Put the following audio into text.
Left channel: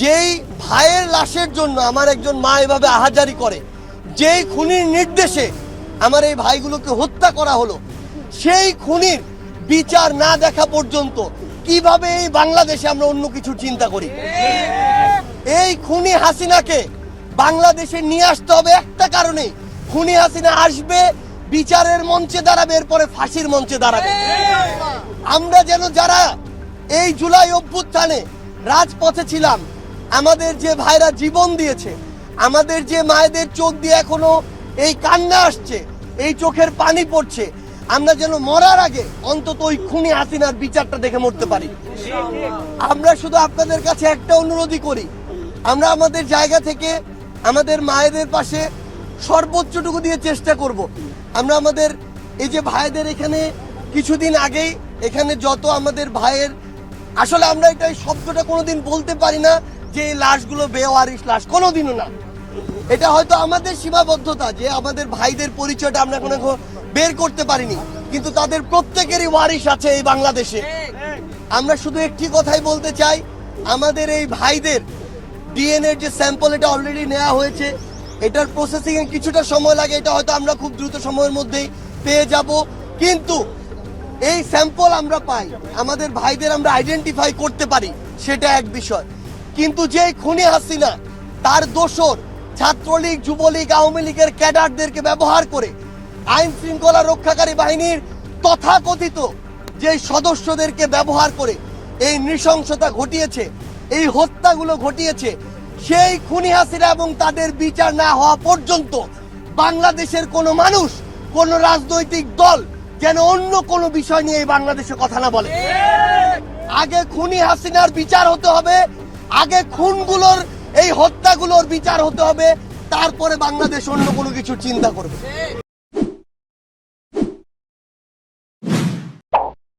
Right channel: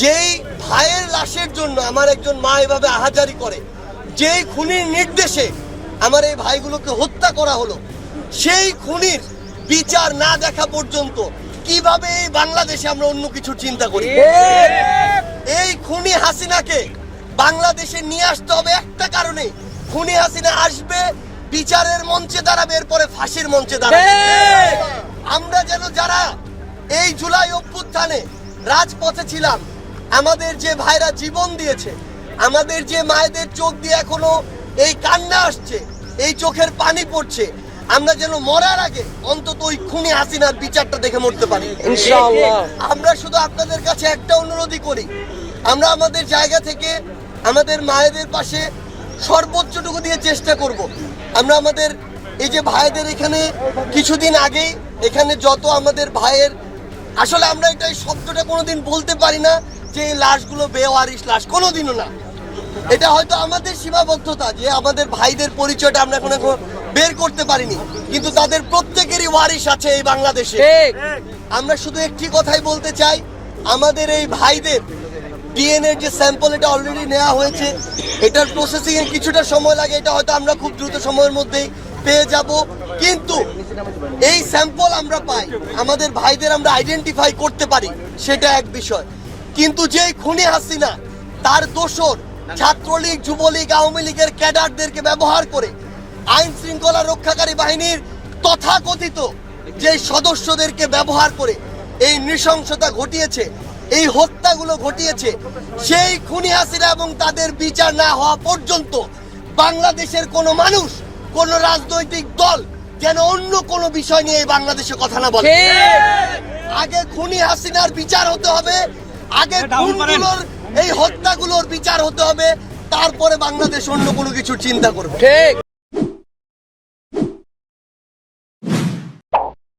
যেই ভাইয়ের লাশের জন্য আমার একজন মা এভাবে আহাজারি করে, যেই খুনির নির্দেশে আমার এই ভাইগুলোকে হত্যা করা হলো, সেই খুনির বিচার না দেখা পর্যন্ত কীভাবে এই বাংলাদেশে আমরা অন্য কিছু চিন্তা করি? এই খুনি হাসিনাকে বাংলাদেশে নিয়ে আসতে হবে একটা কারণে খুনি হাসিনা আসবে, বিচারের মঞ্চে দাঁড়াবে, এরপরে ফাঁসির মঞ্চে দাঁড়াবে। আমরা যেন যারা এই জুলাই অভ্যুত্থানে রাজপথে ছিলাম আমাদের যে ভাইরা জীবন দিয়েছে আমাদের যে মায়েদের চোখ দিয়ে এখনও এই কান্না আসছে এই চোখের পানি পড়ছে আমরা যেন মরার আগে অন্তত ওই খুনি হাসিনার বিচারটা দেখে মরতে পারি। আমরা শুধু আপনাদের কাছে একটা অনুরোধই করি আমরা আমাদের জায়গা থেকে আমাদের মায়েদের পাশে সর্বোচ্চটুকু দিয়ে চেষ্টা করব। আমরা আমাদের এই যে ভাইদের এখানে কিছুদিন আগেই এখানে যত আমাদের ভাইয়ের আসলে আমরা এটা এই শব্দটা কোনোদিন বলতে পারি না যে লাশগুলো বেওয়ারিশ লাশ কোনোদিনও না। এটা হয়তো আমাদের সীমাবদ্ধতা যে আমাদের ভাইদের পরিচয়টা আমরা এখন এখন বের করতে পারিনি। কিন্তু তাদের প্রত্যেকেরই ওয়ারিশ আছে এই বাংলাদেশে। আমরা শুধু একটি কথাই বলতে চাই আমাদের এই ভাইদের ডিএনএ যে স্যাম্পল এটা অলরেডি নেওয়া হয়েছে। এটার প্রসেসিং এর কিছুটা সময় লাগে এটা হয়তো আমরা খুব দ্রুত সময়ের মধ্যেই পেয়ে যাব। কিন্তু এই স্যাম্পল আমরা পাই আমাদের ভাইদের আমরা আইডেন্টিফাই করতে পারি সেটা এক বিষয়। কিন্তু যেই খুনি হাসিনা তার দোষর ছাত্রলীগ যুবলীগ আওয়ামী লীগের ক্যাডারদেরকে ব্যবহার করে আইন শৃঙ্খলা রক্ষাকারী বাহিনীর তথাকথিত যে সদস্যদেরকে ব্যবহার করে এই নৃশংসতা ঘটিয়েছে এই হত্যাগুলো ঘটিয়েছে সেই খুনি হাসিনা এবং তাদের বিচার না হওয়া পর্যন্ত বাংলাদেশের কোনো মানুষ কোন রাজনৈতিক দল যেন অন্য কোনো বিষয় নিয়ে এই বাংলাদেশে কথা না বলে। আগে খুনি হাসিনার বিচার হতে হবে আগে খুনগুলোর এই হত্যাগুলোর বিচার হতে হবে? তারপরে বাংলাদেশ অন্য কোনো কিছু চিন্তা করবে। ঠিক।